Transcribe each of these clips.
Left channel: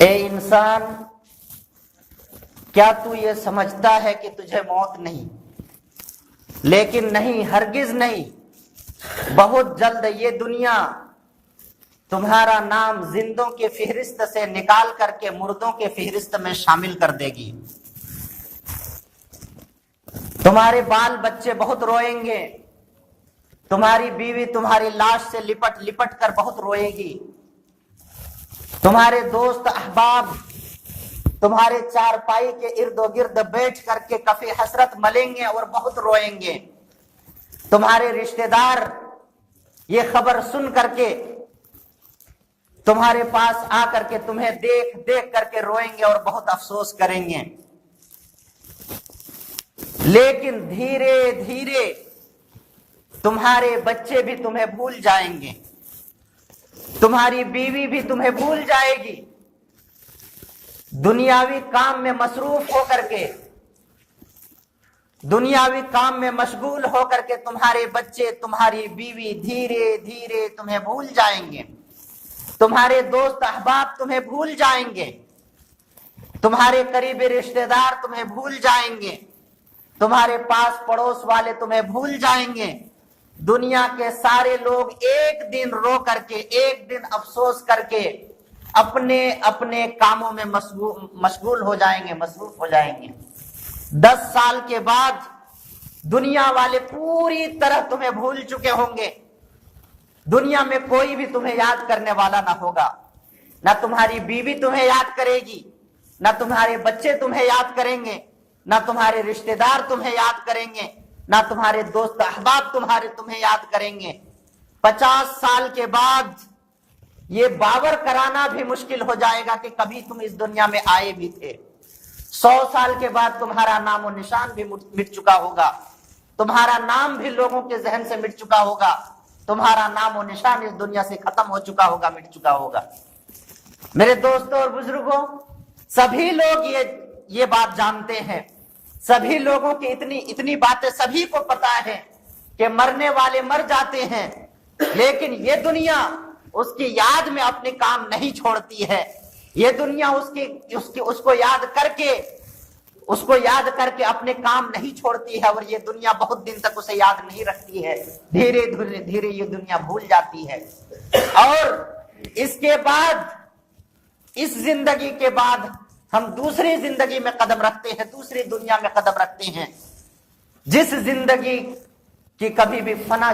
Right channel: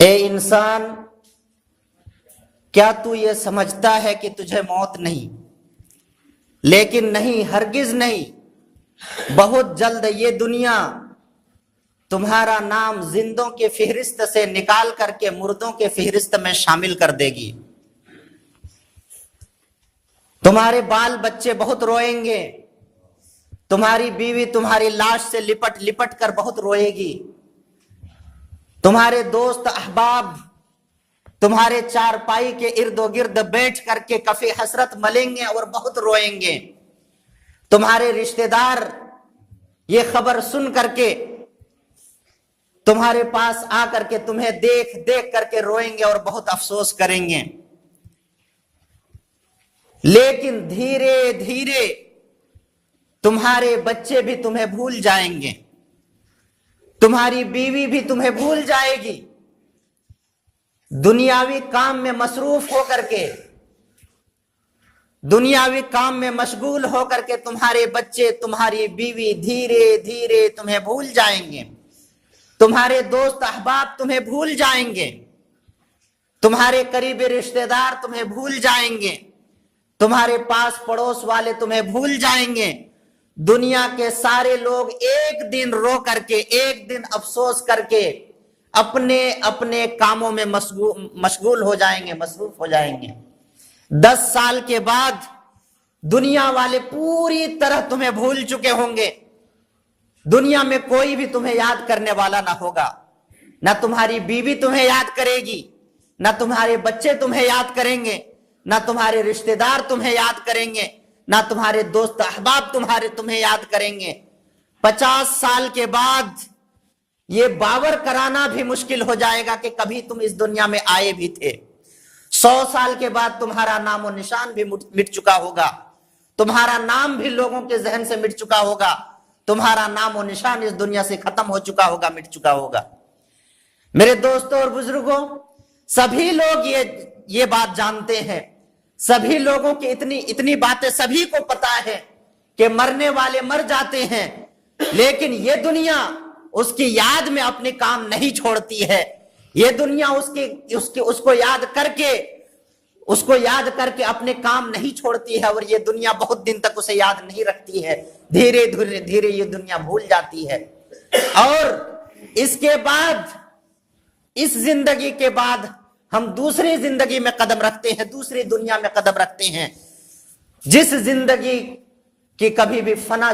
اے انسان، کیا تو یہ سمجھتا ہے کہ تجھے موت نہیں؟ لیکن نہیں، ہرگز نہیں۔ بہت جلد یہ دنیا تمہارا نام زندوں کے فہرست سے نکال کر کے مردوں کے فہرست میں شامل کر دے گی۔ تمہارے بال بچے بہت روئیں گے، تمہاری بیوی تمہاری لاش سے لپٹ لپٹ کر بہت روئے گی، تمہارے دوست احباب تمہارے چارپائی کے ارد و گرد بیٹھ کر کے کف حسرت ملیں گے اور بہت روئیں گے، تمہارے رشتہ دار یہ خبر سن کر کے تمہارے پاس آ کر کے تمہیں دیکھ دیکھ کر کے روئیں گے اور بہت افسوس کریں گے۔ لیکن دھیرے دھیرے تمہارے بچے بھی تمہیں بھول جائیں گے، تمہاری بیوی بھی تمہیں بھول جائے گی۔ دنیاوی کام میں مصروف ہو کر کے، دنیاوی کام میں مشغول ہو کر کے تمہارے بچے تمہاری بیوی دھیرے دھیرے تمہیں بھول جائیں گے، تمہارے دوست احباب تمہیں بھول جائیں گے، تمہارے قریبی رشتہ دار تمہیں بھول جائیں گے، تمہارے پاس پڑوس والے تمہیں بھول جائیں گے۔ دنیا کے سارے لوگ ایک دن رو کر کے، ایک دن افسوس کر کے اپنے اپنے کاموں میں مشغول ہو جائیں گے، مصروف ہو جائیں گے۔ 10 سال کے بعد دنیا والے پوری طرح تمہیں بھول چکے ہوں گے، دنیا میں کوئی بھی تمہیں یاد کرنے والا نہ ہوگا، نہ تمہاری بیوی تمہیں یاد کرے گی، نہ تمہارے بچے تمہیں یاد کریں گے، نہ تمہارے رشتہ دار تمہیں یاد کریں گے، نہ تمہارے دوست احباب تمہیں یاد کریں گے۔ 50 سال کے بعد یہ باور کرانا بھی مشکل ہو جائے گا کہ کبھی تم اس دنیا میں آئے بھی تھے۔ 100 سال کے بعد تمہارا نام و نشان بھی مٹ چکا ہوگا، تمہارا نام بھی لوگوں کے ذہن سے مٹ چکا ہوگا، تمہارا نام و نشان اس دنیا سے ختم ہو چکا ہوگا، مٹ چکا ہوگا۔ میرے دوستوں اور بزرگوں، سبھی لوگ یہ بات جانتے ہیں، سبھی لوگوں کی اتنی باتیں سبھی کو پتا ہے کہ مرنے والے مر جاتے ہیں، لیکن یہ دنیا اس کی یاد میں اپنے کام نہیں چھوڑتی ہے۔ یہ دنیا اس کو یاد کر کے اپنے کام نہیں چھوڑتی ہے، اور یہ دنیا بہت دن تک اسے یاد نہیں رکھتی ہے، دھیرے دھیرے یہ دنیا بھول جاتی ہے۔ اور اس کے بعد، اس زندگی کے بعد ہم دوسری زندگی میں قدم رکھتے ہیں، دوسری دنیا میں قدم رکھتے ہیں، جس زندگی کی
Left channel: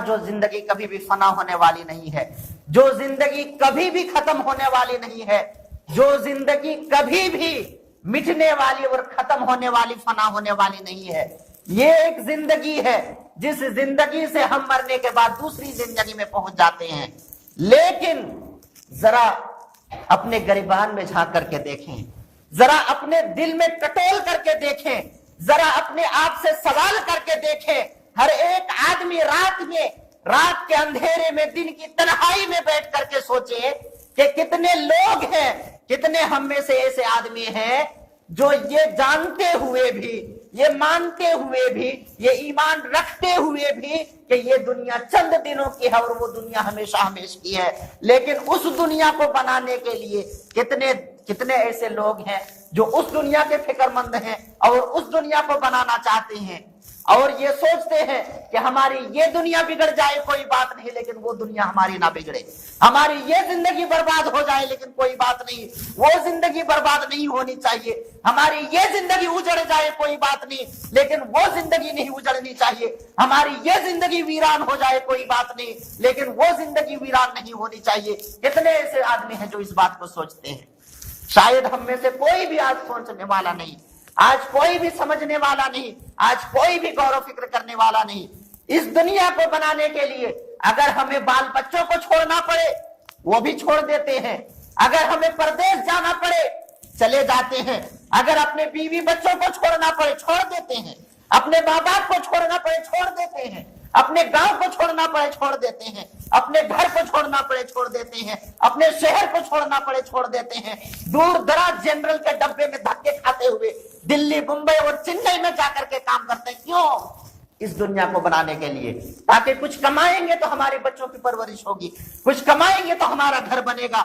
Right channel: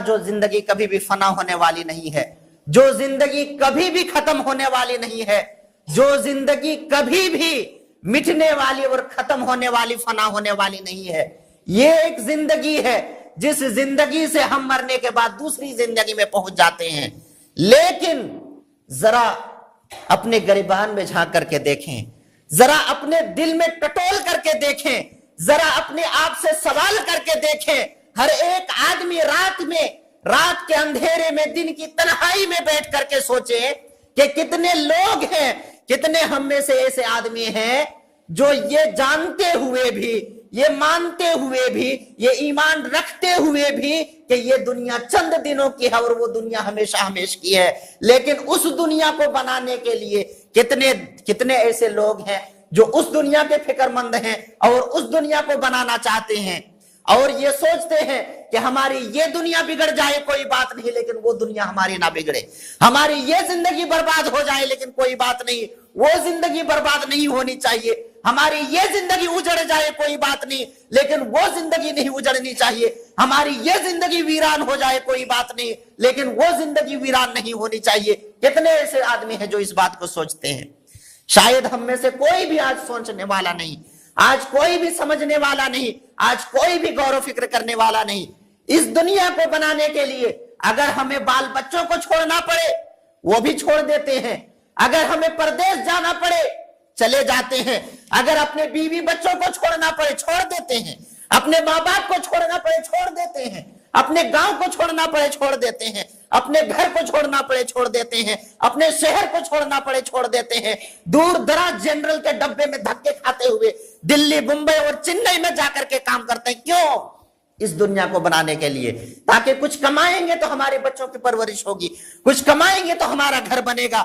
جو زندگی کبھی بھی فنا ہونے والی نہیں ہے، جو زندگی کبھی بھی ختم ہونے والی نہیں ہے، جو زندگی کبھی بھی مٹنے والی اور ختم ہونے والی، فنا ہونے والی نہیں ہے۔ یہ ایک زندگی ہے جس زندگی سے ہم مرنے کے بعد دوسری زندگی میں پہنچ جاتے ہیں۔ لیکن ذرا اپنے گریبان میں جھانک کر کے دیکھیں، ذرا اپنے دل میں ٹٹول کر کے دیکھیں، ذرا اپنے آپ سے سوال کر کے دیکھیں۔ ہر ایک آدمی رات کے اندھیرے میں، دن کی تنہائی میں بیٹھ کر کے سوچے کہ کتنے لوگ ہیں، کتنے ہم میں سے ایسے آدمی ہیں جو یہ جانتے ہوئے بھی، یہ مانتے ہوئے بھی، یہ ایمان رکھتے ہوئے بھی کہ یہ دنیا چند دنوں کی ہے اور وہ دنیا ہمیشہ ہمیش کی ہے، لیکن اس دنیا کو بنانے کے لیے کتنے ایسے لوگ ہیں جو اس دنیا کے فکر مند ہیں اور اس دنیا کو بنانا چاہتے ہیں، اور یہ سوچتے ہیں کہ ہماری یہ دنیا بگڑ جائے کوئی بات نہیں، لیکن وہ دنیا ہماری نہ بگڑے، ہماری یہ زندگی برباد ہو جائے لیکن کوئی بات نہیں، وہ زندگی برباد نہیں ہونی چاہیے، ہماری یہ زندگی اجڑ جائے کوئی بات نہیں لیکن وہ زندگی نہیں اجڑنی چاہیے، ہماری یہ زندگی ویران ہو جائے کوئی بات نہیں لیکن وہ زندگی ویران نہیں ہونی چاہیے۔ کتنے ایسے آدمی ہیں جو اس بات کو سوچتے ہیں؟ شاید ہم میں سے کوئی بھی آج سوچنے والا نہیں، آج کوئی بھی سمجھنے والا نہیں، آج کوئی بھی غور و فکر کرنے والا نہیں۔ اس دنیا کو بنانے کے لیے اگر ہمیں بال بچوں کو چھوڑنا پڑے وہ بھی چھوڑ دیتے ہیں، اگر ہمیں پردیس جانا پڑے چلے جاتے ہیں، اگر اپنے بیوی بچوں کو چھوڑنا پڑے چھوڑ دیتے ہیں، اپنے ماں باپ کو چھوڑنا پڑے چھوڑ دیتے ہیں، اپنے گاؤں کو چھوڑنا پڑے چھوڑ دیتے ہیں، اپنے گھر کو چھوڑنا پڑے چھوڑ دیتے ہیں، اپنے شہر کو چھوڑنا پڑے چھوڑ دیتے ہیں، دور دراز جنرل کے ڈبے میں دھکے کھاتے ہوئے دلی، ممبئی اور چنئی میں جا کر کے کام کرتے ہیں۔ کیوں؟ اس دنیا کو بنانے کے لیے، تاکہ کچھ کمائیں گے تو ہمارے بچوں کی پرورش ہوگی، کچھ کمائیں گے تو ہمارا گھر بنے گا،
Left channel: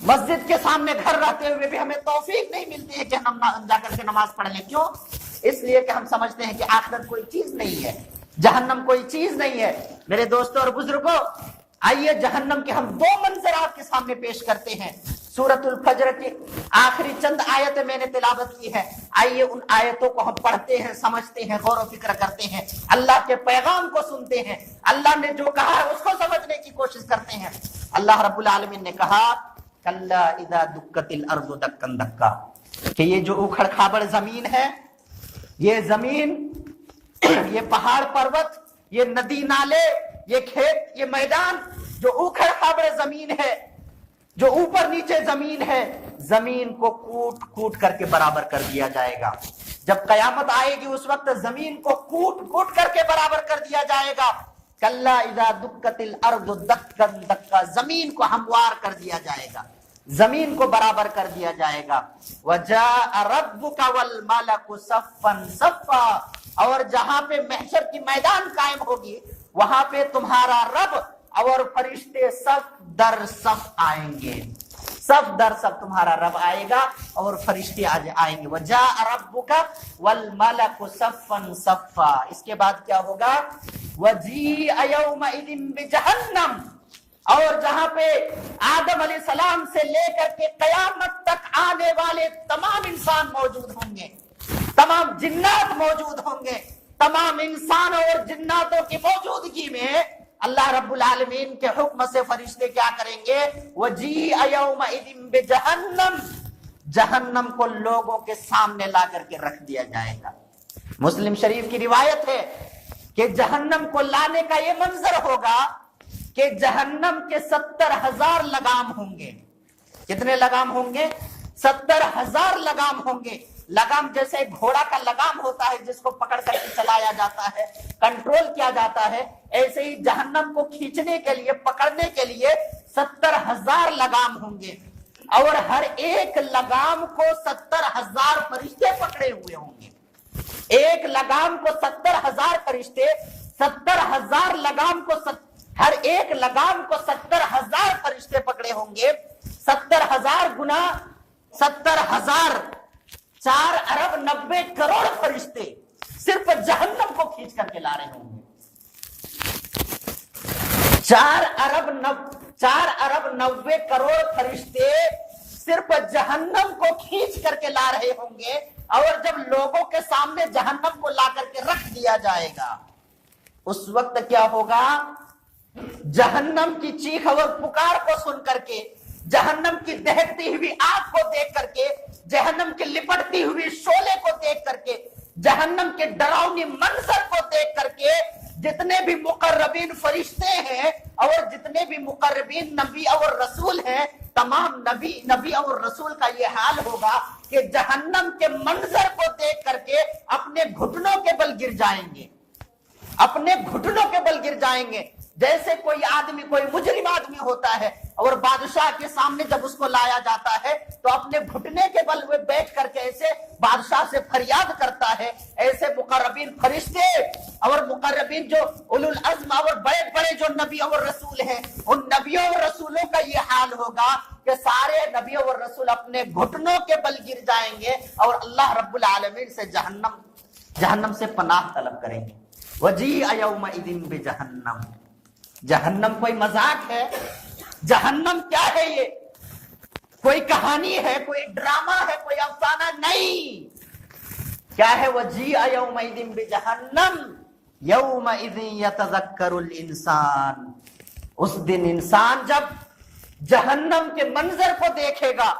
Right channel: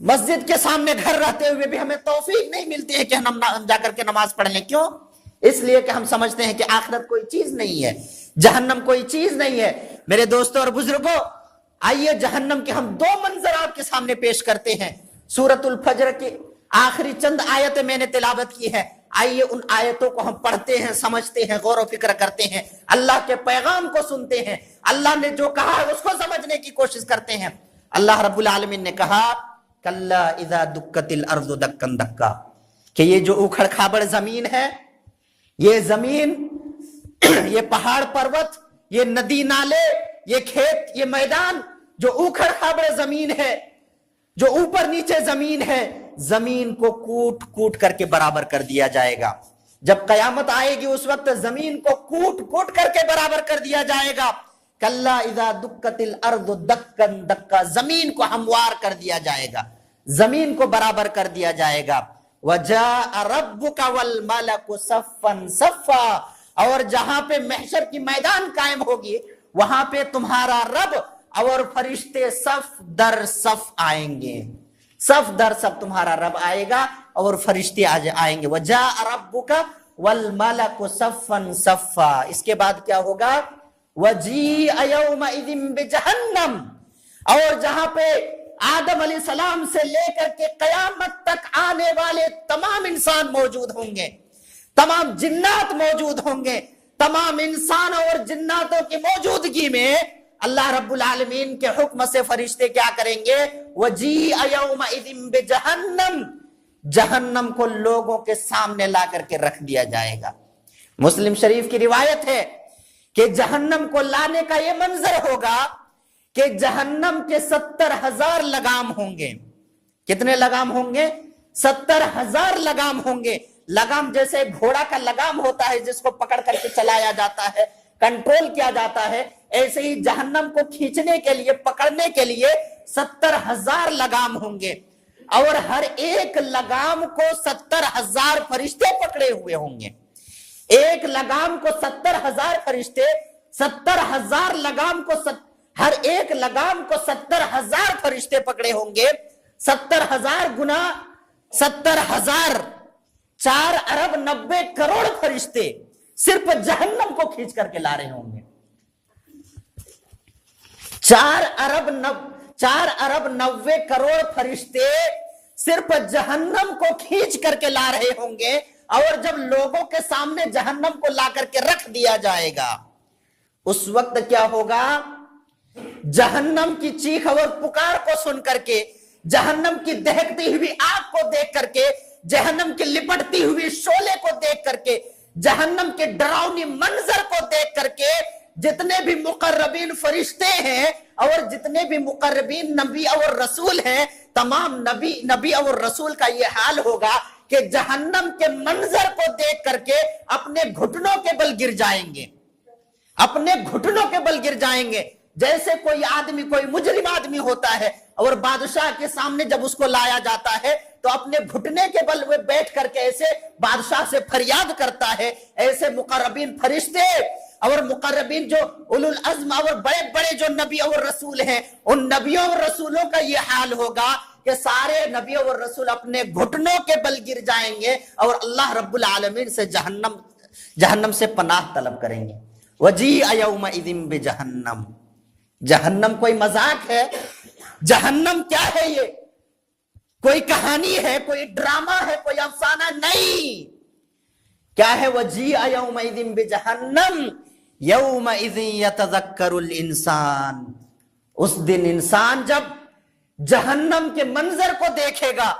مسجد کے سامنے گھر رہتے ہوئے بھی ہمیں توفیق نہیں ملتی ہے کہ ہم جا کر کے نماز پڑھ لیں. کیوں؟ اس لیے کہ ہم سمجھتے ہیں کہ آخرت کوئی چیز نہیں ہے، جہنم کوئی چیز نہیں ہے. میرے دوستوں اور بزرگوں، آئیے جہنم کے ہم دو منظر آپ کے سامنے پیش کرتے ہیں. سورۃ الفجر کی آخری چند آیتیں میں نے تلاوت کی ہے. آئیے ان آیتوں کو ہم پڑھتے ہیں، سمجھتے ہیں، غور و فکر کرتے ہیں، اللہ کے پیغام کو سنتے ہیں، اللہ نے جو کہا ہے اس کو سمجھنے کی کوشش کرتے ہیں. اللہ رب العالمین نے کہا کلا اذا دکت الارض دکا دکا، کہ یہ جو اوکھڑ کھابڑ زمین ہے، یہ زمین، یہ پہاڑ پروت، یہ ندی نالے، یہ کھیت، یہ میدان، جو اوکھڑ کھابڑ زمین ہے، جو اوپر نیچے زمین ہے، زمین کو کوٹ کوٹ کر کے برابر کر دیا جائے گا. جب قیامت آئے گی اس وقت زمین کو کوٹ کوٹ کر کے برابر کر دیا جائے گا. کلا اذا دکت الارض دکا دکا، زمین کو ہموار کر دیا جائے گا، زمین کو برابر کر دیا جائے گا. وجاء ربک والملک صفا صفا، اور جہاں پہ محشر کی میدان قائم ہوگی وہاں پہ تمہارا رب اور فرشتے صف در صف آئیں گے. صف در صف تمہارا رب آئے گا اور فرشتے آئیں گے. وجاء ربک والملک صفا صفا. اس کے بعد کیا ہوگا؟ وجیء یومئذ بجہنم، اور جہاں پہ آدم علیہ السلام سے لے کر کے قیامت تک آنے والے تمام انسان موجود ہوں گے، تمام جنات موجود ہوں گے. تمام انسان اور جناتوں کی موجودگی میں اللہ رب العالمین کے حکم سے فرشتے کیا کریں گے؟ وجیء یومئذ بجہنم، جہنم کو لوگوں کے سامنے لا کر کے رکھ دیا جائے گا. مسلم شریف کی روایت ہے کہ جہنم کو لانے کا یہ منظر ہوگا کہ جہنم کے 70,000 لگام ہوں گے. کتنے لگام ہوں گے؟ 70,000 لگام ہوں گے. لگام جیسے گھوڑا کا لگام ہوتا ہے جس کو پکڑ کر کے چلایا جاتا ہے، کنٹرول کیا جاتا ہے، ایسے ہی جہنم کو کھینچنے کے لیے، پکڑنے کے لیے 70,000 لگام ہوں گے، اور ہر ایک لگام کو 70,000 فرشتے پکڑے ہوئے ہوں گے. ایک لگام کو 70,000 فرشتے، 70,000 لگام کو ہر ایک لگام کو 70,000 فرشتے پکڑے ہوں گے. 70,000 گنا 70,000، 4 ارب 90 کروڑ فرشتے صرف جہنم کو کھینچ کر کے لا رہے ہوں گے. 4 ارب 90 کروڑ فرشتے صرف جہنم کو کھینچ کر کے لا رہے ہوں گے. اور جب لوگوں کے سامنے جہنم کو لا کر کے رکھ دیا جائے گا اس وقت کیا ہوگا؟ جہنم کی چیخ اور پکار کو سن کر کے، جہنم کی دہکتی ہوئی آگ کو دیکھ کر کے، جہنم کی لپٹتی ہوئی شعلے کو دیکھ کر کے، جہنم کے ڈراؤنی منظر کو دیکھ کر کے، جتنے بھی مقربین فرشتے ہیں اور جتنے بھی مقربین نبی اور رسول ہیں، تمام نبی اور رسول کا یہ حال ہوگا کہ جہنم کے منظر کو دیکھ کر کے اپنے گھٹنوں کے بل گر جائیں گے، اپنے گھٹنوں کے بل گر جائیں گے. جیسے کوئی آدمی، کوئی مجرم آدمی ہوتا ہے اور بادشاہ کے سامنے جب اس کو لایا جاتا ہے تو اپنے گھٹنے کے بل میں بیٹھ کر کے ایسے بادشاہ سے فریاد کرتا ہے. ایسے مقربین فرشتے اور مقربین جو اولو العزم اور بڑے بڑے جو نبی اور رسول ہیں، ان نبیوں اور رسولوں کا یہ حال ہوگا کہ سارے نبی اور رسول اپنے گھٹنوں کے بل گر جائیں گے اور اللہ رب العالمین سے جہنم سے پناہ طلب کریں گے. وجیء یومئذ بجہنم. جہنم کوئی مذاق ہے؟ جہنم کیا ہے؟ یہ کوئی کہانی ہے، کوئی ڈرامہ ہے، کوئی افسانہ نہیں. کیا ہے؟ وجیء یومئذ بجہنم یومئذ یتذکر الانسان. اس دن انسان جب جہنم کے منظر کو دیکھے گا،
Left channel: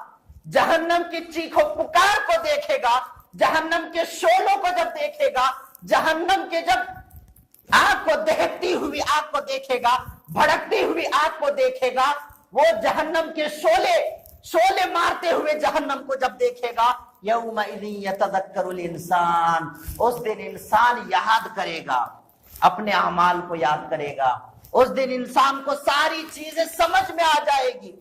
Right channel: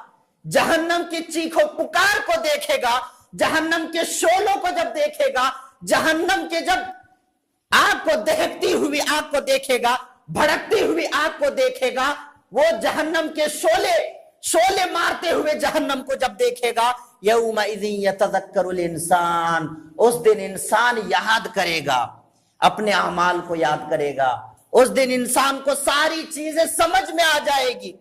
جہنم کی چیخ و پکار کو دیکھے گا، جہنم کے شعلوں کو جب دیکھے گا، جہنم کے جب آگ کو دہکتی ہوئی آگ کو دیکھے گا، بھڑکتی ہوئی آگ کو دیکھے گا، وہ جہنم کے شعلے مارتے ہوئے جہنم کو جب دیکھے گا، یومئذ یتذکر الانسان. اس دن انسان یاد کرے گا، اپنے اعمال کو یاد کرے گا. اس دن انسان کو ساری چیزیں سمجھ میں آ جائے گی.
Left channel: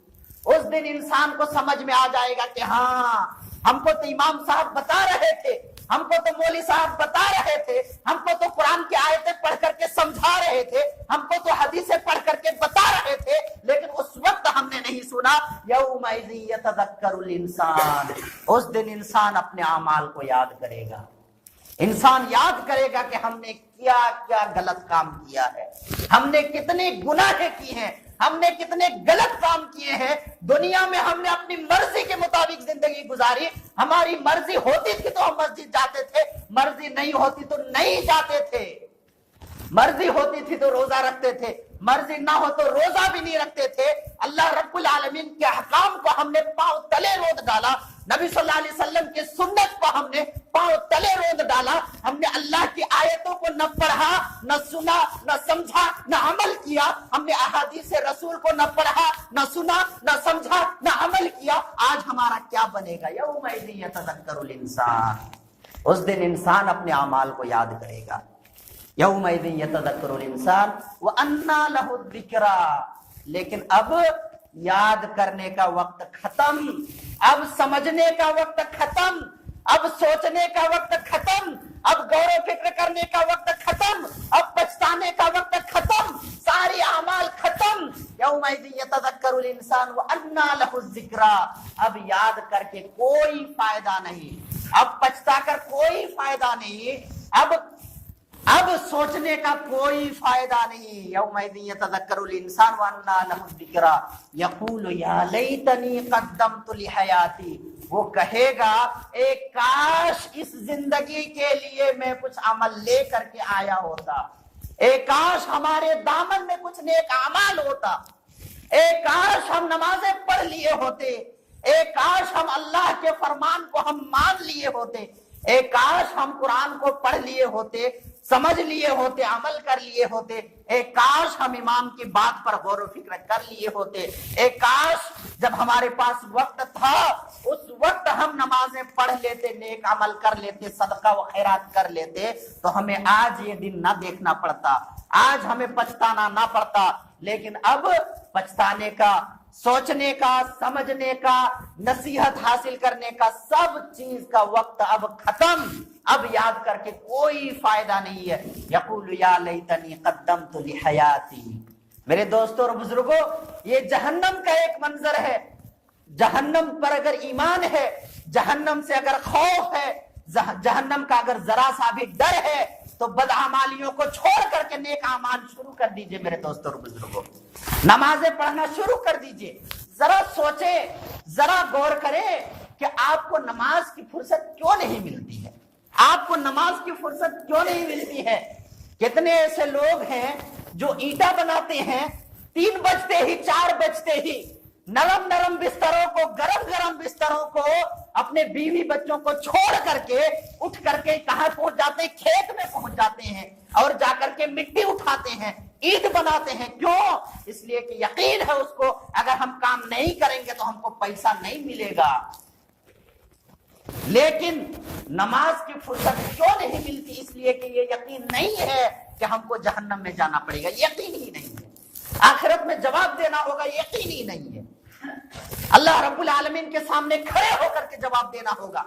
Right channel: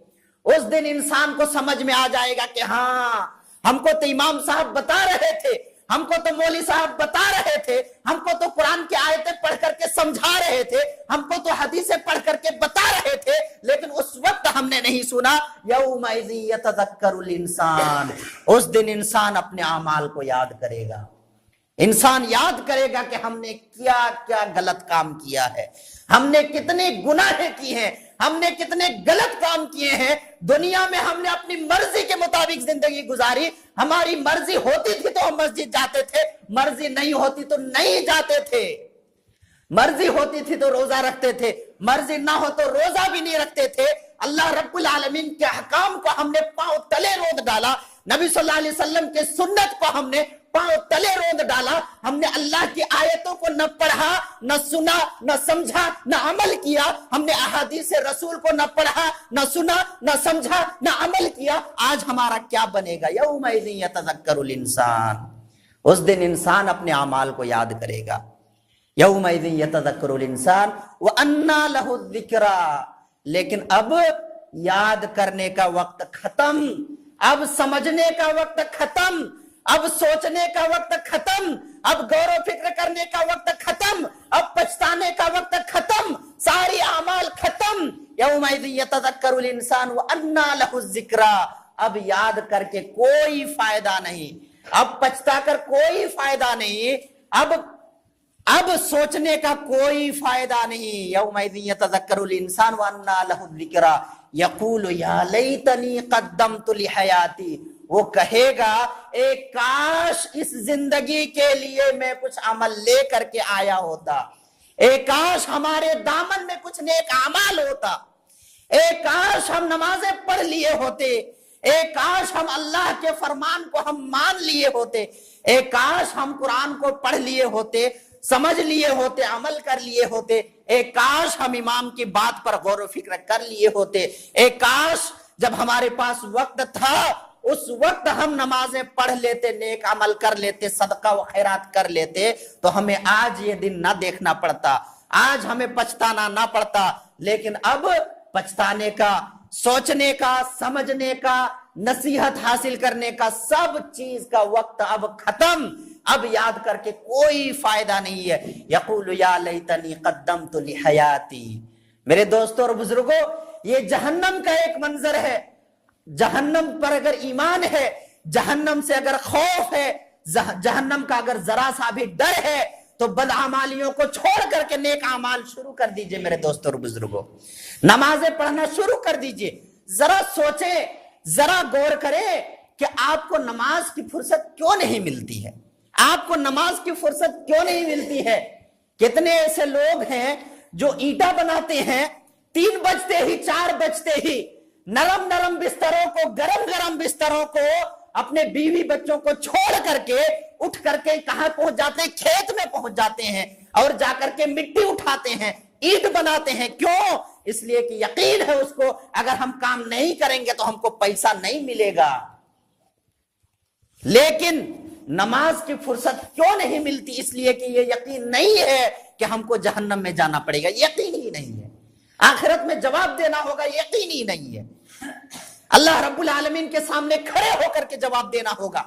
اس دن انسان کو سمجھ میں آ جائے گا کہ ہاں، ہم کو تو امام صاحب بتا رہے تھے ہم کو تو مولوی صاحب بتا رہے تھے, ہم کو تو قرآن کی آیتیں پڑھ کر کے سمجھا رہے تھے, ہم کو تو حدیثیں پڑھ کر کے بتا رہے تھے, لیکن اس وقت ہم نے نہیں سنا. یومئذ یتذکر الانسان, اس دن انسان اپنے اعمال کو یاد کرے گا, انسان یاد کرے گا کہ ہم نے کیا کیا غلط کام کیا ہے, ہم نے کتنے گناہ کیے ہیں, ہم نے کتنے غلط کام کیے ہیں. دنیا میں ہم نے اپنی مرضی کے مطابق زندگی گزاری, ہماری مرضی ہوتی تھی تو ہم مسجد جاتے تھے, مرضی نہیں ہوتی تو نہیں جاتے تھے, مرضی ہوتی تھی تو روزہ رکھتے تھے, مرضی نہ ہو تو روزہ بھی نہیں رکھتے تھے. اللہ رب العالمین کے احکام کو ہم نے پاؤں تلے روند ڈالا, نبی صلی اللہ علیہ وسلم کے سنت کو ہم نے پاؤں تلے روند ڈالا. ہم نے اللہ کی آیتوں کو نہ پڑھا, نہ سنا, نہ سمجھا, نہ عمل کیا. ہم نے احادیث رسول کو نہ پڑھا, نہ سنا, نہ سمجھا, نہ عمل کیا. آج ہمارا کیا بنے گا؟ یومئذ یتذکر الانسان, اس دن انسان اپنے اعمال کو یاد کرے گا. یومئذ یتذکر الانسان وانیٰ لہ الذکریٰ, لیکن اب یاد کرنے کا وقت ختم, اب سمجھنے کا وقت ختم, اب سوچنے کا وقت ختم, اب غور و فکر کرنے کا وقت ختم, اب پچھتانے کا وقت ختم, ساری اعمال ختم. یومئذ یتذکر الانسان وانیٰ لہ الذکریٰ, اب یاد کر کے کوئی فائدہ نہیں, اب پچھتا کر کوئی فائدہ نہیں, اب سوچنے کا کوئی فائدہ نہیں. یومئذ یتذکر الانسان وانیٰ لہ الذکریٰ یقول یا لیتنی قدمت لحیاتی, وہ کہے گا اے کاش اس زندگی کے لیے میں کچھ عمل لے کر کے آیا ہوتا, اے کاش ہمارے دامن میں کچھ نیک اعمال ہوتا, اے کاش ہم نمازیں پڑھ لیے ہوتے, اے کاش ہم اللہ کے فرمان کو ہم مان لیے ہوتے, اے کاش ہم قرآن کو پڑھ لیے ہوتے, سمجھ لیے ہوتے, عمل کر لیے ہوتے, اے کاش ہم امام کی بات پر غور و فکر کر لیے ہوتے, اے کاش جب ہمارے پاس وقت تھا اس وقت ہم نمازیں پڑھ لیتے, نیک عمل کر لیتے, صدقہ و خیرات کر لیتے, تو ہمیں آج یہ دن نہ دیکھنا پڑتا, آج ہمیں پچھتانا نہ پڑتا. لیکن اب پچھتانے کا, سوچنے کا, سمجھنے کا, نصیحت حاصل کرنے کا, سب چیز کا وقت اب ختم, اب یاد کر کے کوئی فائدہ نہیں ہے. یقول یا لیتنی قدمت لحیاتی. میرے دوستوں اور بزرگوں, یہ جہنم کا ایک منظر ہے. جہنم پر اگر ایمان ہے, جہنم سے اگر خوف ہے, جہنم کا اگر ذرا سا بھی ڈر ہے, تو بدعمالیوں کو چھوڑ کر کے نیک اعمال شروع کر دیجئے. میرے دوستوں اور بزرگوں, نمازیں پڑھنا شروع کر دیجئے. ذرا سوچیں, ذرا غور کریں کہ آپ کو نماز کی فرصت کیوں نہیں ملتی ہے, آپ کو نماز کی فرصت کیوں نہیں ملتی ہے. کتنے ایسے لوگ ہیں جو اینٹا بناتے ہیں, 3 بجتے ہی 4 بجتے ہی نرم نرم بستروں کو, گرم گرم بستروں کو, اپنے بیوی بچوں کو چھوڑ کر کے اٹھ کر کے کہاں پہنچ جاتے ہیں؟ کھیت میں پہنچ جاتے ہیں, اور جا کر کے مٹی اٹھاتے ہیں, اینٹ بناتے ہیں. کیوں؟ اس لیے کہ یقین ہے اس کو اگر ہم کام نہیں کریں گے تو ہم کو پیسہ نہیں ملے گا. لیکن نماز کی فرصت کیوں نہیں ملتی؟ اس لیے کہ یہ یقین نہیں ہے کہ ہم کو جہنم میں جانا پڑے گا, یقین ہی نہیں ہے. آخرت میں جواب دینا ہوگا, یقین ہی نہیں ہے. اللہ رب العالمین کے سامنے کھڑے ہو کر کے جواب دینا ہوگا.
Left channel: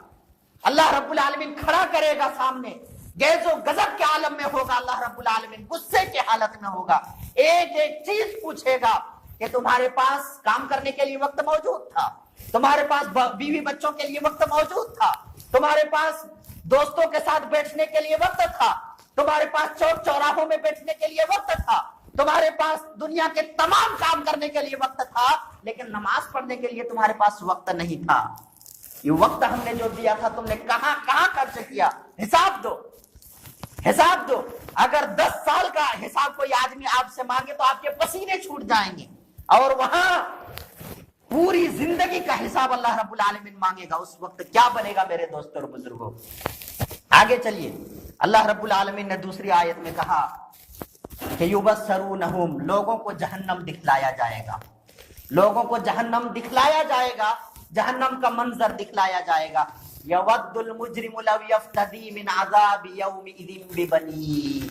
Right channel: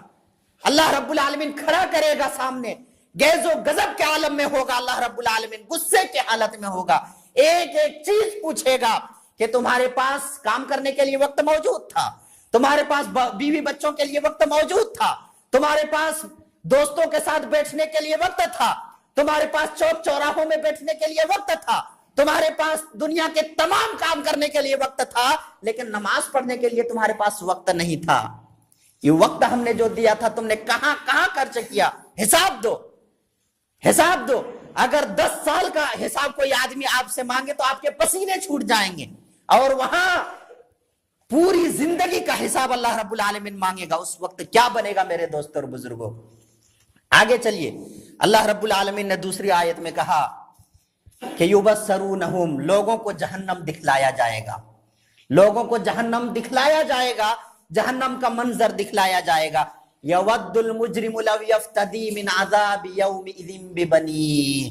اللہ رب العالمین کھڑا کرے گا سامنے, غیظ و غضب کے عالم میں ہوگا. اللہ رب العالمین غصے کے حالت میں ہوگا. ایک ایک چیز پوچھے گا کہ تمہارے پاس کام کرنے کے لیے وقت موجود تھا, تمہارے پاس بیوی بچوں کے لیے وقت موجود تھا, تمہارے پاس دوستوں کے ساتھ بیٹھنے کے لیے وقت تھا, تمہارے پاس چوک چوراہوں میں بیٹھنے کے لیے وقت تھا, تمہارے پاس دنیا کے تمام کام کرنے کے لیے وقت تھا, لیکن نماز پڑھنے کے لیے تمہارے پاس وقت نہیں تھا. یہ وقت ہم نے جو دیا تھا تم نے کہاں کہاں خرچ کیا؟ حساب دو, حساب دو. اگر 10 سال کا حساب کوئی آدمی آپ سے مانگے تو آپ کے پسینے چھوٹ جائیں گے, اور وہاں پوری زندگی کا حساب اللہ رب العالمین مانگے گا. اس وقت کیا بنے گا میرے دوستوں اور بزرگوں؟ آگے چلیے. اللہ رب العالمین نے دوسری آیت میں کہا کہ یبصرونہم, لوگوں کو جہنم دکھلایا جائے گا, لوگوں کو جہنم دکھلایا جائے گا, جہنم کا منظر دکھلایا جائے گا. یود المجرم لو یفتدی من عذاب یومئذ ببنیہ,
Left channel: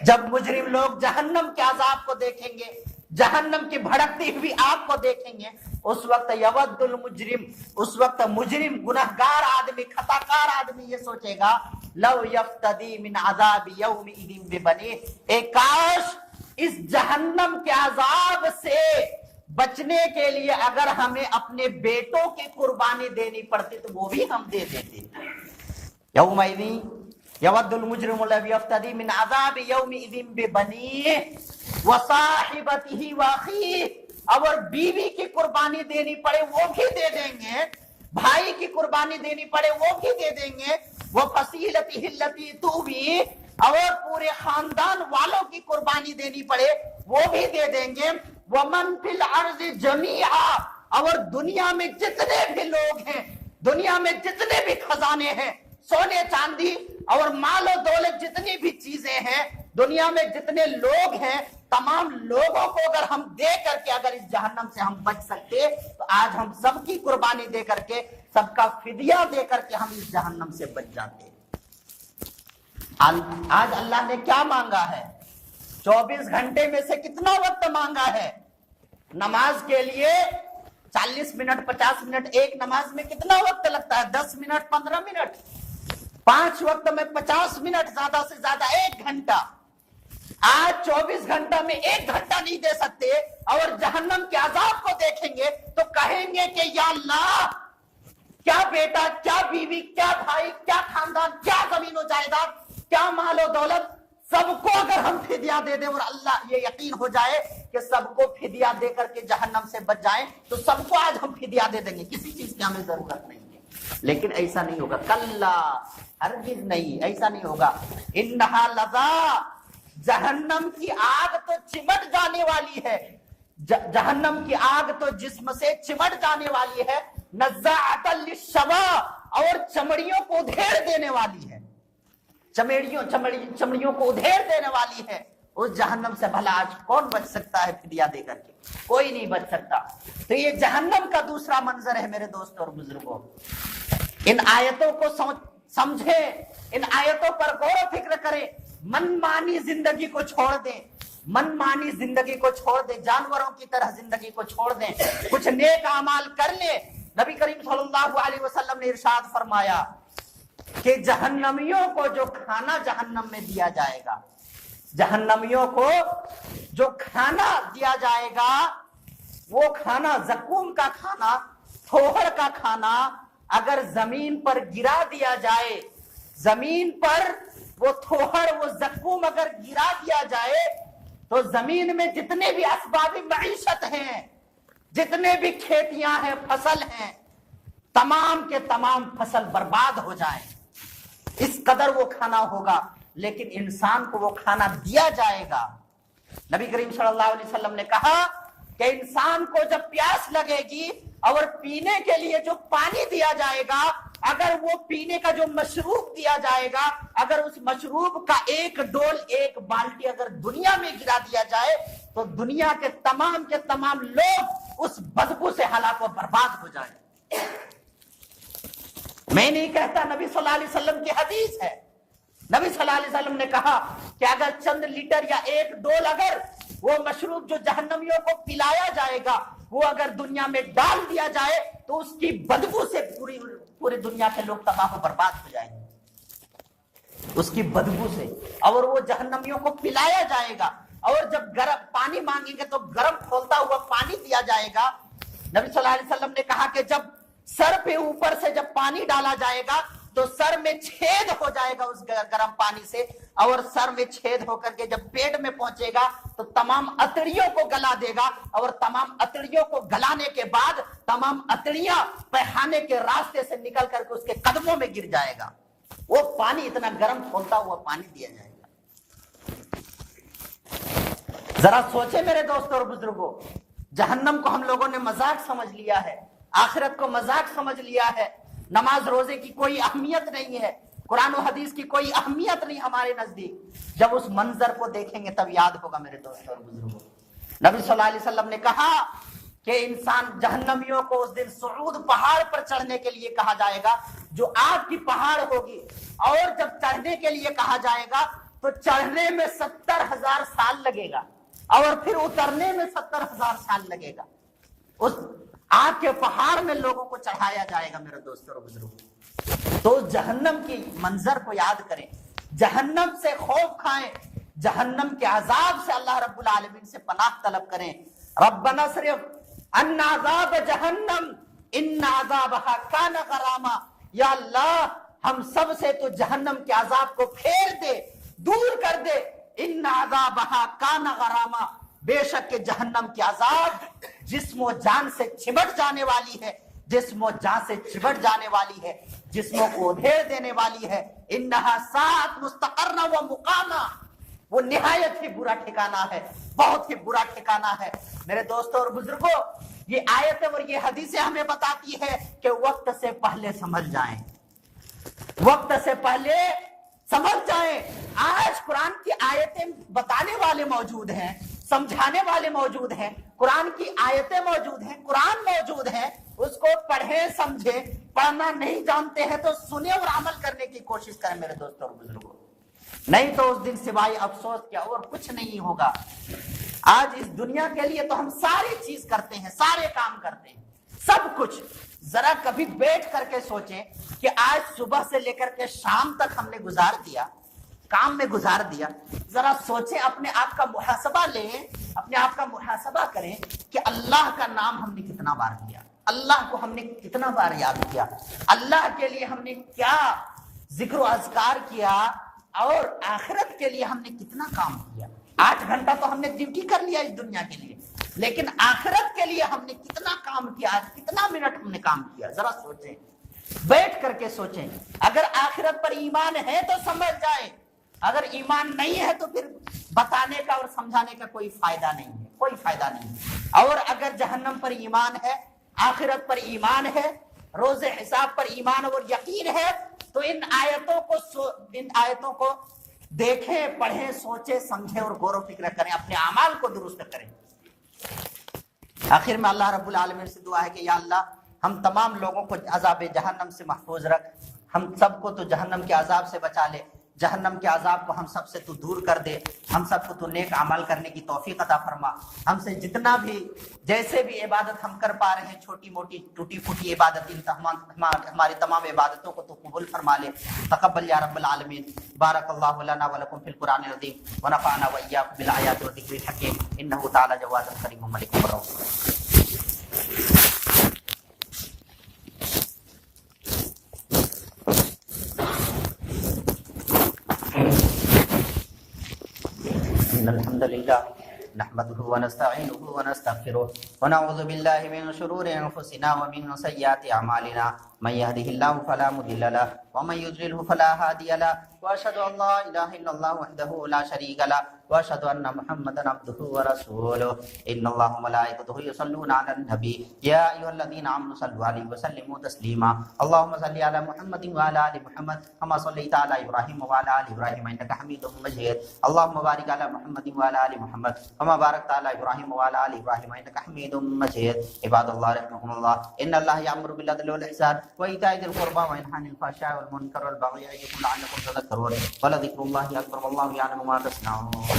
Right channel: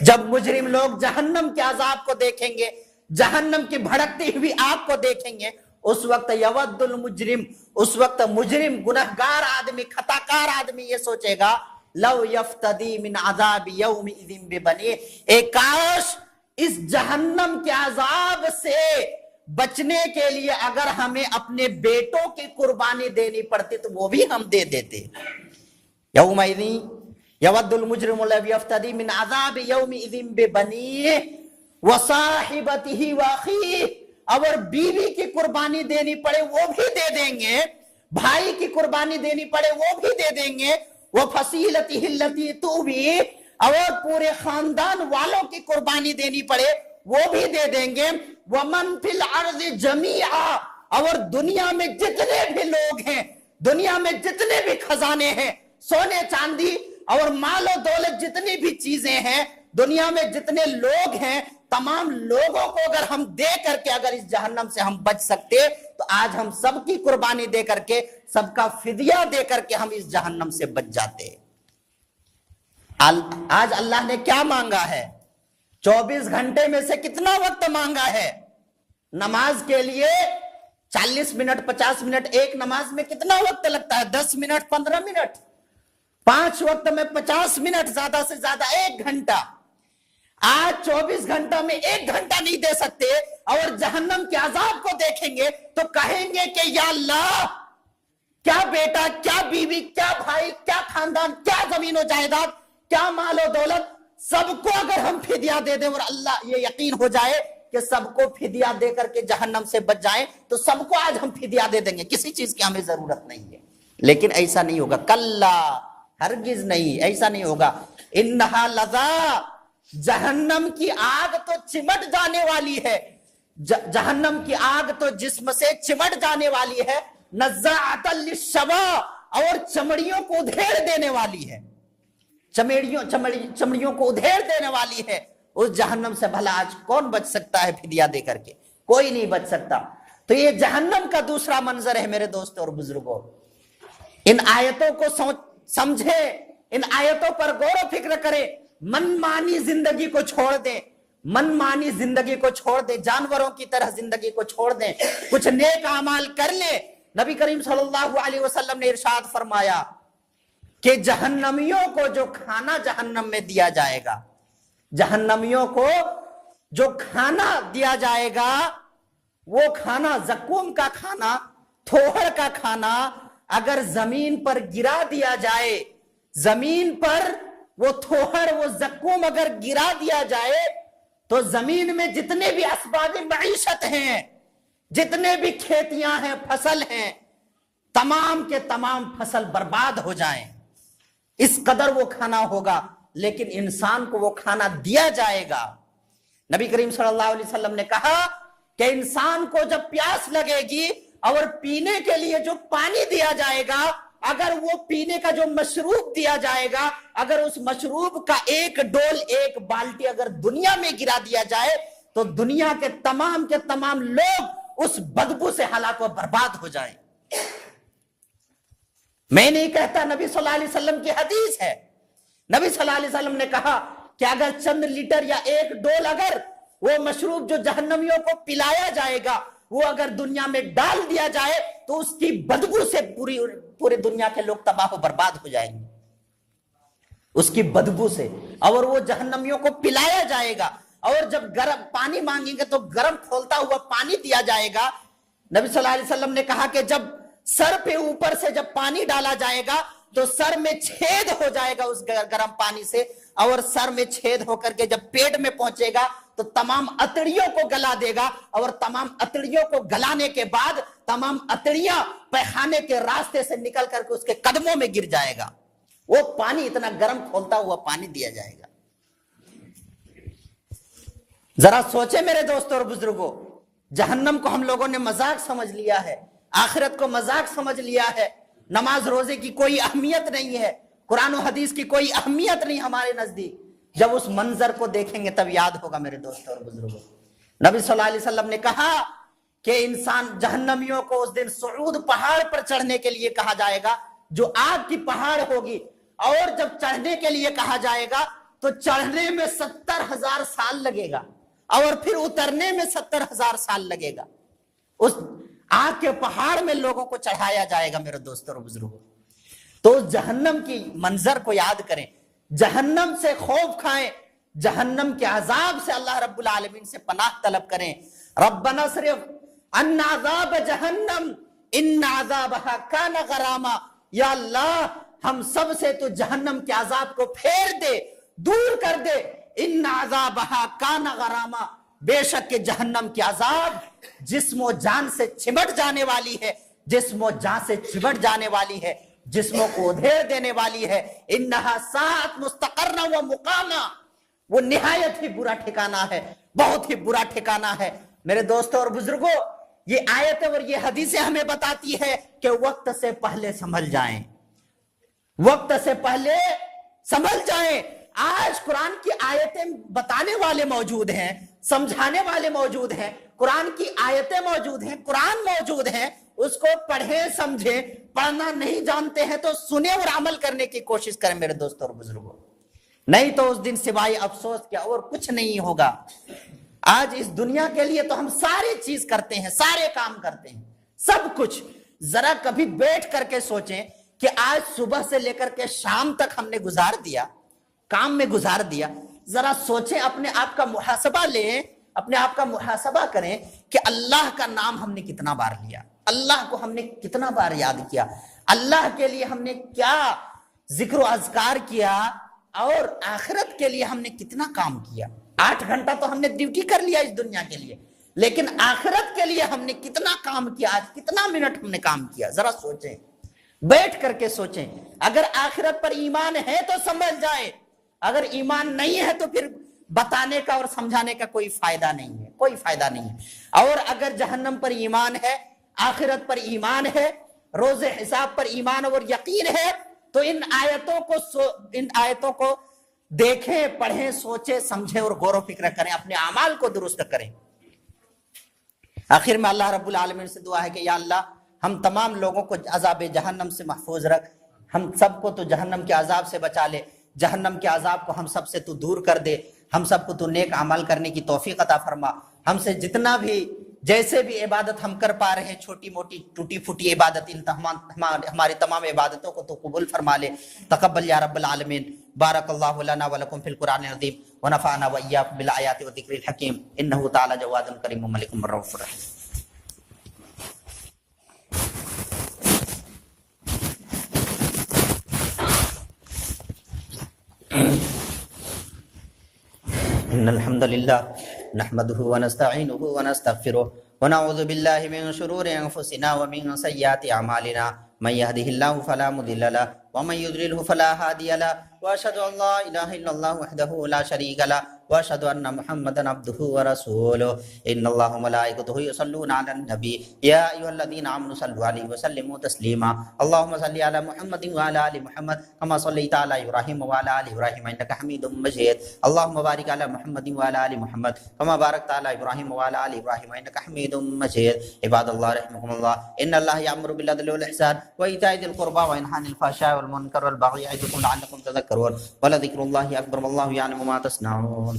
جب مجرم لوگ جہنم کے عذاب کو دیکھیں گے, جہنم کی بھڑکتی ہوئی آگ کو دیکھیں گے, اس وقت یودل مجرم، اس وقت مجرم گنہگار آدمی، خطاکار آدمی یہ سوچے گا لو یفتدی من عذاب یومئذ ببنیہ، اے کاش اس جہنم کے عذاب سے بچنے کے لیے اگر ہمیں اپنے بیٹوں کی قربانی دینی پڑتی تو وہ بھی ہم دے دیتے۔ یومئذ یود المجرم لو یفتدی من عذاب یومئذ ببنیہ وصاحبتہ واخیہ، اور بیوی کی قربانی دینی پڑے وہ بھی دے دیں گے، بھائی کی قربانی دینی پڑے وہ بھی دے دیں گے، وفصیلتہ التی تؤویہ، اور پورے خاندان والوں کی قربانی دینی پڑے وہ بھی دے دیں گے، ومن فی الارض جمیعا، اور دنیا میں جتنے بھی لوگ ہیں، دنیا میں جتنے بھی خزانے ہیں، سونے چاندی اور مال و دولت جتنی بھی چیزیں ہیں، دنیا میں جتنے لوگ ہیں، تمام لوگوں کو اگر ہم دے کر کے اگر اس جہنم سے ہم بچ سکتے تو آج ہم سب کی قربانی دے کر کے، سب کا فدیہ دے کر کے ہم اس جہنم سے بچ جاتے۔ آج اللہ نے کیا مانگا ہے؟ 24 گھنٹے میں سے کتنا وقت مانگا ہے؟ نماز کے لیے 40 منٹ 50 منٹ، ایک نماز میں کتنا وقت لگتا ہے؟ 10 منٹ 15 منٹ، 5 وقت میں 50 منٹ، زیادہ سے زیادہ 1 گھنٹہ۔ آج 24 گھنٹہ میں 1 گھنٹہ نہیں دے سکتے، اور جہنم کے عذاب کو دیکھیں گے تو کہیں گے کہ یا اللہ، کیا بیٹا، کیا بیوی، کیا بھائی، کیا خاندان، کیا زمین و جائیداد، کیا مال و دولت، سب کو اگر ہم فدیہ دے دیں، اور اللہ یہ یقین ہو جائے کہ سب کو فدیہ دے کر کے جہنم سے بچ جائیں تو سب کو آج ہم فدیہ دے دیں گے، کسی چیز کی ہمیں ضرورت نہیں ہے۔ لیکن ایسا نہیں ہوگا، کلا، ہرگز نہیں، ایسا نہیں ہوگا۔ انہا لظا، جہنم کی آگ تو چمٹ جانے والی ہے، جہنم کی آگ تو جسم سے چمٹ جانے والی ہے، نزاعۃ للشوا، اور چمڑیوں کو ادھیڑ دینے والی ہے، چمڑیوں کو ادھیڑ دینے والی ہے۔ اس جہنم سے بھلا آج کون بچ سکتا ہے فدیہ دے کر کے؟ کوئی نہیں بچ سکتا۔ تو یہ جہنم کا دوسرا منظر ہے میرے دوستوں اور بزرگوں۔ ان آیتوں کو سمجھے، ان آیتوں پر غور و فکر کرے، من مانی زندگی کو چھوڑ دیں، من مانی زندگی کو چھوڑ دیں، جانوروں کی طرح زندگی کو چھوڑ دیں، کچھ نیک اعمال کر لیں۔ نبی کریم صلی اللہ علیہ وسلم نے ارشاد فرمایا کہ جہنمیوں کو جو کھانا جہنم میں دیا جائے گا، جہنمیوں کو جو کھانا دیا جائے گا، وہ کھانا، زقوم کا کھانا، تھوہر کا کھانا، اگر زمین پر گرا دیا جائے، زمین پر وہ تھوہر، وہ زقوم اگر گرا دیا جائے تو زمین میں جتنے بھی اسباب معیشت ہیں، جتنے بھی کھیتیاں ہیں، فصل ہیں، تمام کے تمام فصل برباد ہو جائیں، اس قدر وہ کھانا ہوگا۔ لیکن انسان کو وہ کھانا دیا جائے گا۔ نبی کریم صلی اللہ علیہ وسلم نے کہا کہ انسان کو جب پیاس لگے گی اور پینے کے لیے جو پانی دیا جائے گا، اگر وہ پینے کا جو مشروب دیا جائے گا، اگر اس مشروب کا ایک ڈول، ایک بالٹی اگر دنیا میں گرا دیا جائے تو دنیا کے تمام لوگ اس بدبو سے ہلاک و برباد ہو جائیں۔ میں نہیں کہتا، نبی صلی اللہ علیہ وسلم کی حدیث ہے۔ نبی صلی اللہ علیہ وسلم نے کہا کہ اگر چند لیٹر یا ایک ڈول اگر وہ مشروب جو جہنمیوں کو پلایا جائے گا وہ اگر دنیا میں ڈال دیا جائے تو اس کی بدبو سے پورے دنیا کے لوگ تباہ و برباد ہو جائیں گے، اس کی بدبو سے۔ اور وہ جہنمیوں کو پلایا جائے گا، اور جب گرم پانی مانگیں گے تو گرم کھولتا ہوا پانی دیا جائے گا۔ نبی صلی اللہ علیہ وسلم نے کہا کہ جب سر پہ اوپر سے جب پانی ڈالا جائے گا تو سر میں چھید ہو جائے گا اس گرم پانی سے، اور سر میں چھید ہو کر کے جب پیٹ میں پہنچے گا تو تمام اتڑیوں کو گلا دے گا، اور تمام اتڑیوں کو گلانے کے بعد تمام اتڑیاں پیخانے کے راستے سے نکل کر کے اس کے قدموں میں گر جائے گا۔ وہ پانی اتنا گرم کھولتا ہوا پانی دیا جائے گا۔ ذرا سوچے میرے دوستوں اور بزرگوں، جہنم کو ہم لوگوں نے مذاق سمجھ لیا ہے، آخرت کو مذاق سمجھ لیا ہے، نماز روزے کی کوئی اہمیت نہیں ہے، قرآن و حدیث کی کوئی اہمیت نہیں ہمارے نزدیک۔ جب اس منظر کو دیکھیں گے تب یاد ہوگا میرے دوستوں اور بزرگوں۔ نبی صلی اللہ علیہ وسلم نے کہا کہ انسان، جہنمیوں کو اس دن صعود پہاڑ پر چڑھنے کے لیے کہا جائے گا، جو آگ کی پہاڑ ہوگی، اور جب چڑھنے کے لیے کہا جائے گا تو چڑھنے میں 70,000 سال لگے گا، اور پھر اترنے میں 70,000 سال لگے گا۔ اس آگ کے پہاڑ میں لوگوں کو چڑھایا جائے گا میرے دوستوں اور بزرگوں۔ تو جہنم کی منظر کو یاد کریں، جہنم سے خوف کھائیں، جہنم کے عذاب سے اللہ رب العالمین سے پناہ طلب کریں۔ ربنا اصرف عنا عذاب جہنم ان عذابها کان غراما، یا اللہ ہم سب سے تو جہنم کے عذاب کو پھیر دے، دور کر دے۔ ان عذابها کان غراما، بے شک کہ جہنم کی عذاب جسم و جان سے چمٹ جانے والی ہے، جسم و جان سے چمٹ جانے والی ہے، جسموں کو ادھیڑ دینے والی ہے۔ انہا ساعت مستقرا و مقاما، وہ نہایت ہی برا ٹھکانہ ہے، بہت ہی برا ٹھکانہ ہے۔ میرے دوستوں اور بزرگوں، یہ آیتیں اور یہ حدیثیں ہمیں بتاتی ہے کہ وقت سے پہلے سنبھل جائیں، وقت سے پہلے سنبھل جائیں۔ آج قرآن کی آیتیں بتانے والے موجود ہیں، سمجھانے والے موجود ہیں، قرآن کی آیتیں موجود ہیں، قرآن موجود ہیں، اس کو پڑھیں سمجھیں۔ پڑھنا نہیں جانتے ہیں تو سنیں اور عمل کرنے کی کوشش کریں میرے دوستوں اور بزرگوں، نہیں تو اس دن سوائے افسوس کیا اور کچھ نہیں ہوگا۔ آج اس دنیا کے لیے تو ہم ساری چیز کرتے ہیں، سارے کام کرتے ہیں، سب کچھ۔ ذرا کبھی بیٹھ کر کے سوچیں کہ آج صبح سے لے کر کے شام تک ہم نے گزار دیا، کام میں گزار دیا۔ ذرا سوچیں، اپنے آپ کا محاسبہ لیں، اپنے آپ کا محاسبہ کریں کہ اللہ کا نام ہم نے کتنا بار لیا، اللہ کو ہم نے کتنا بار یاد کیا، اللہ کے لیے ہم نے کیا ذکر و اذکار کیا، اور آخرت کے لیے ہم نے کتنا کام کیا۔ 8 گھنٹہ تو ہم نے ڈیوٹی کر لیا اس دنیا کے لیے، لیکن آخرت کے لیے ہم نے کتنا کام کیا، آج کتنا منٹ ہم نے کام کیا۔ ذرا سوچیں، بیٹھ کر کے سوچیں۔ اگر آخرت پر ایمان ہے تو سمجھ جائیں، اگر ایمان نہیں ہے تو پھر بتانے کا اور سمجھانے کا کوئی فائدہ نہیں ہے، کوئی فائدہ نہیں ہے۔ اور اگر جہنم پر ایمان ہے، آخرت پر ایمان ہے، روز حساب پر ایمان اور یقین ہے، تو ان آیتوں کو دیکھیں، پڑھیں، سوچیں، سمجھیں اور غور و فکر کریں، اپنے اعمال کو درست کریں۔ آخر میں اللہ رب العالمین سے دعا ہے کہ یا اللہ ہم تمام لوگوں کو عذاب جہنم سے محفوظ رکھ، ہم سب کو تو جہنم کے عذاب سے بچا لے، جہنم کے عذاب کو ہم سب سے تو دور کر دے، ہم سب کو تو نیک عمل کرنے کی توفیق عطا فرما۔ ہم سے جتنا بھی جیسے بھی عبادت ہم کر پا رہے ہیں، چھوٹی موٹی ٹوٹی پھوٹی عبادت، ہماری تمام عبادتوں کو تو قبول فرما لے۔ تقبل یا رب العالمین۔ بارک اللہ لنا ولکم فی القرآن العظیم ونفعنا وإیاکم بالآیات والذکر الحکیم، انہ تعالی جواد کریم ملک الرحیم الرحیم۔ إن الحمد لله نحمده ونستعينه ونستغفره ونعوذ بالله من شرور أنفسنا ومن سيئات أعمالنا، من يهده الله فلا مضل له ومن يضلله فلا هادي له، وأشهد أن لا إله إلا الله وحده لا شريك له، وأشهد أن محمدا عبده ورسوله۔ إن الله وملائكته يصلون على النبي يا أيها الذين آمنوا صلوا عليه وسلموا تسليما۔ اللهم صل على محمد وعلى آل محمد كما صليت على إبراهيم وعلى آل إبراهيم إنك حميد مجيد۔ اللهم بارك على محمد وعلى آل محمد كما باركت على إبراهيم وعلى آل إبراهيم إنك حميد مجيد۔ عباد الله رحمكم الله، إن الله يأمر بالعدل والإحسان وإيتاء ذي القربى وينهى عن الفحشاء والمنكر والبغي يعظكم لعلكم تذكرون، ولذكر الله أكبر والله يعلم ما تصنعون۔